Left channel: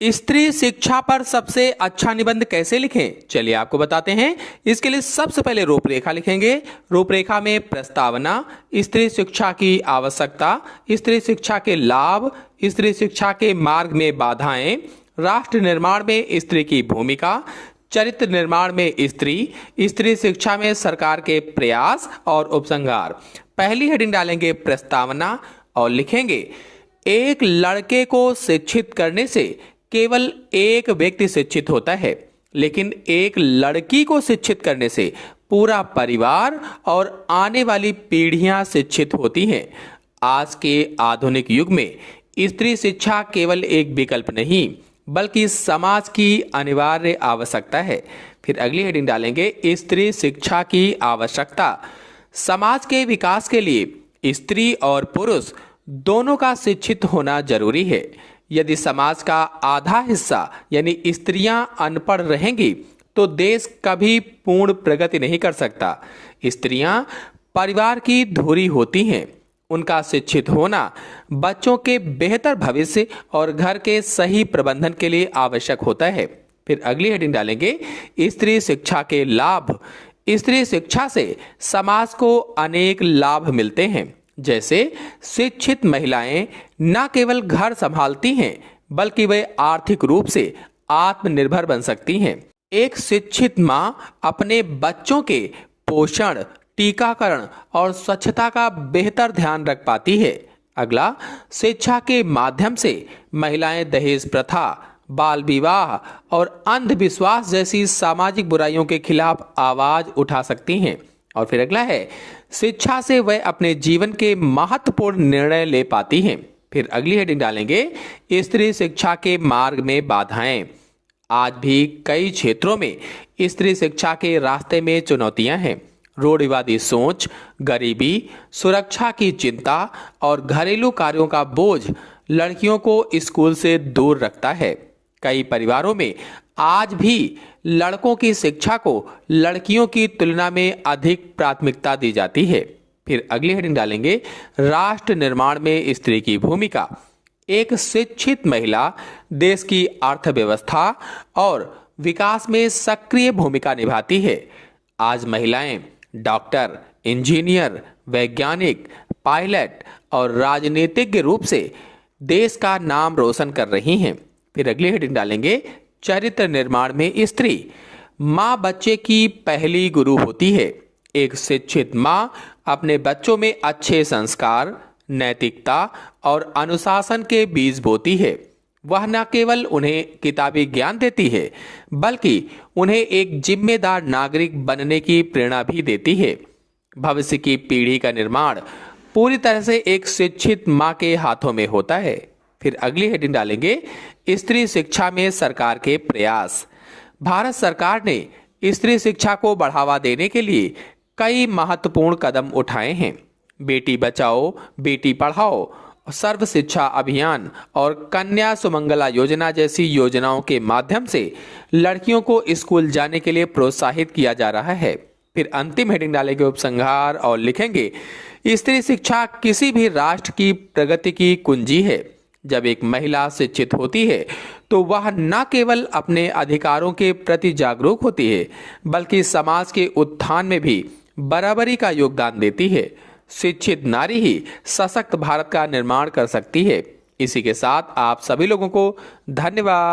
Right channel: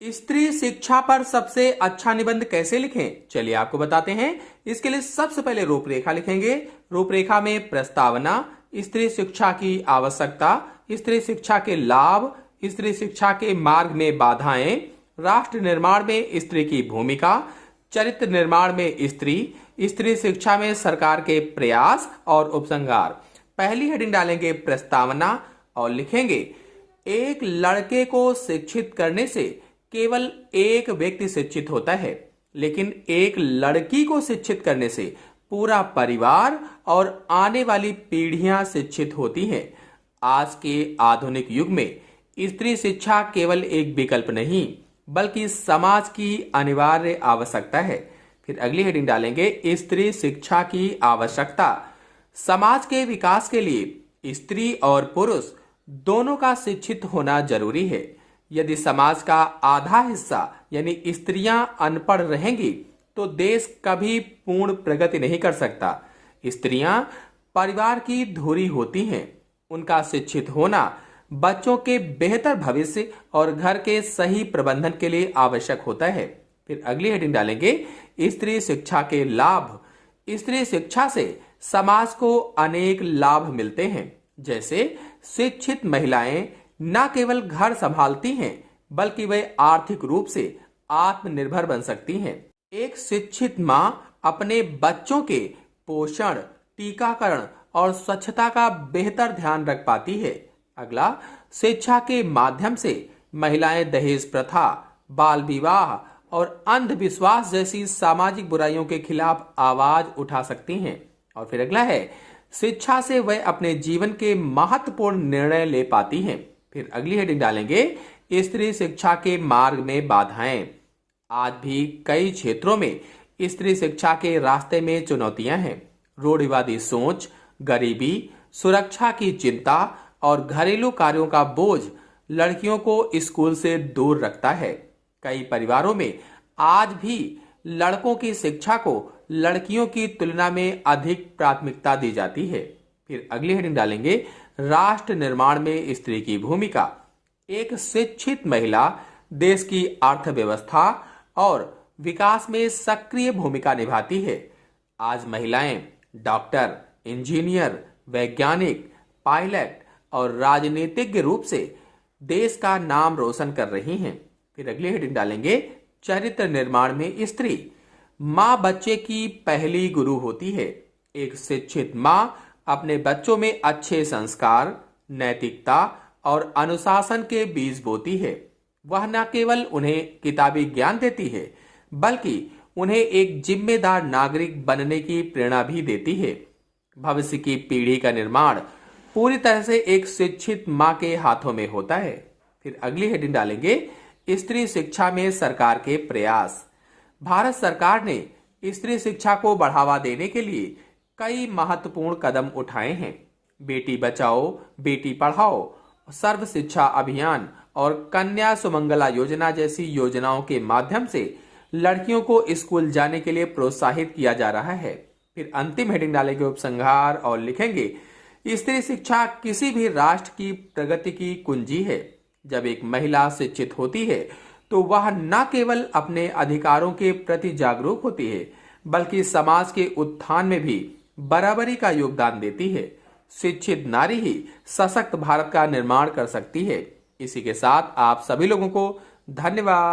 स्त्री शिक्षा पर सबसे अच्छा निबंध कैसे लिखें, चलिए आपको बताते हैं। इसके लिए सबसे पहले रूपरेखा लिखेंगे। रूपरेखा में प्रस्तावना, स्त्री शिक्षा की आवश्यकता, स्त्री शिक्षा के लाभ, स्त्री शिक्षा के मार्ग में बाधाएं, राष्ट्र निर्माण में स्त्री की भूमिका, चरित्र निर्माण में स्त्री, स्त्री शिक्षा में सरकार के प्रयास और उपसंहार। पहली हेडिंग डालेंगे प्रस्तावना और लिखेंगे, एक लड़के को शिक्षित करने से केवल एक व्यक्ति शिक्षित होता है, लेकिन एक लड़की को शिक्षित करने से पूरा परिवार और आने वाली पीढ़ियां शिक्षित होती हैं। आज के आधुनिक युग में स्त्री शिक्षा केवल एक विकल्प नहीं, बल्कि समाज की अनिवार्य आवश्यकता है। फिर अगली हेडिंग डालेंगे स्त्री शिक्षा की आवश्यकता। समाज के विकास के लिए स्त्री और पुरुष दोनों का शिक्षित होना जरूरी है। यदि समाज का आधा हिस्सा यानी स्त्रियां अनपढ़ रहेंगी तो देश कभी पूर्ण प्रगति नहीं कर सकता। स्त्रियां परिवार की धुरी होती हैं। उनका शिक्षित होना बच्चों के बेहतर भविष्य और घर के सही प्रबंधन के लिए आवश्यक होता है। फिर अगली हेडिंग डालेंगे स्त्री शिक्षा के लाभ। स्त्री शिक्षा से समाज को अनेक लाभ मिलते हैं, जैसे शिक्षित महिलाएं न केवल घर संभालती हैं, बल्कि वे आर्थिक रूप से आत्मनिर्भर बन सकती हैं। एक शिक्षित मां अपने बच्चों के पोषण, टीकाकरण और स्वच्छता का बेहतर ध्यान रख पाती है। अगला, शिक्षा के माध्यम से महिलाएं दहेज प्रथा, बाल विवाह और अंधविश्वास जैसी सामाजिक बुराइयों के खिलाफ आवाज उठा सकती हैं। और फिर अगला है, शिक्षा से वह अपने जीवन के महत्वपूर्ण निर्णय ले पाती हैं। फिर अगली हेडिंग डालेंगे स्त्री शिक्षा के मार्ग में बाधाएं। आज भी कई क्षेत्रों में स्त्री शिक्षा के रास्ते में चुनौतियां हैं। रूढ़िवादी सोच, गरीबी, सुरक्षा की चिंता और घरेलू कार्यों का बोझ लड़कियों को स्कूल से दूर रखता है। कई परिवारों में आज भी लड़कों की शिक्षा को लड़कियों की तुलना में अधिक प्राथमिकता दी जाती है। फिर अगली हेडिंग डालेंगे राष्ट्र निर्माण में स्त्री की भूमिका। एक शिक्षित महिला देश की अर्थव्यवस्था और विकास में सक्रिय भूमिका निभाती है। आज महिलाएं डॉक्टर, इंजीनियर, वैज्ञानिक, पायलट और राजनीतिज्ञ रूप से देश का नाम रोशन कर रही हैं। फिर अगली हेडिंग डालेंगे चरित्र निर्माण में स्त्री। माँ बच्चे की पहली गुरु होती है। एक शिक्षित माँ अपने बच्चों में अच्छे संस्कार, नैतिकता और अनुशासन के बीज बोती है। वह न केवल उन्हें किताबी ज्ञान देती है, बल्कि उन्हें एक जिम्मेदार नागरिक बनने की प्रेरणा भी देती है। भविष्य की पीढ़ी का निर्माण पूरी तरह से एक शिक्षित माँ के हाथों में होता है। फिर अगली हेडिंग डालेंगे स्त्री शिक्षा में सरकार के प्रयास। भारत सरकार ने स्त्री शिक्षा को बढ़ावा देने के लिए कई महत्वपूर्ण कदम उठाए हैं। बेटी बचाओ, बेटी पढ़ाओ, सर्व शिक्षा अभियान और कन्या सुमंगला योजना जैसी योजनाओं के माध्यम से लड़कियों को स्कूल जाने के लिए प्रोत्साहित किया जा रहा है। फिर अंतिम हेडिंग डालेंगे उपसंहार और लिखेंगे स्त्री शिक्षा किसी भी राष्ट्र की प्रगति की कुंजी है। जब एक महिला शिक्षित होती है तो वह न केवल अपने अधिकारों के प्रति जागरूक होती है, बल्कि समाज के उत्थान में भी बराबरी का योगदान देती है। शिक्षित नारी ही सशक्त भारत का निर्माण कर सकती है। इसी के साथ आप सभी लोगों को धन्यवाद।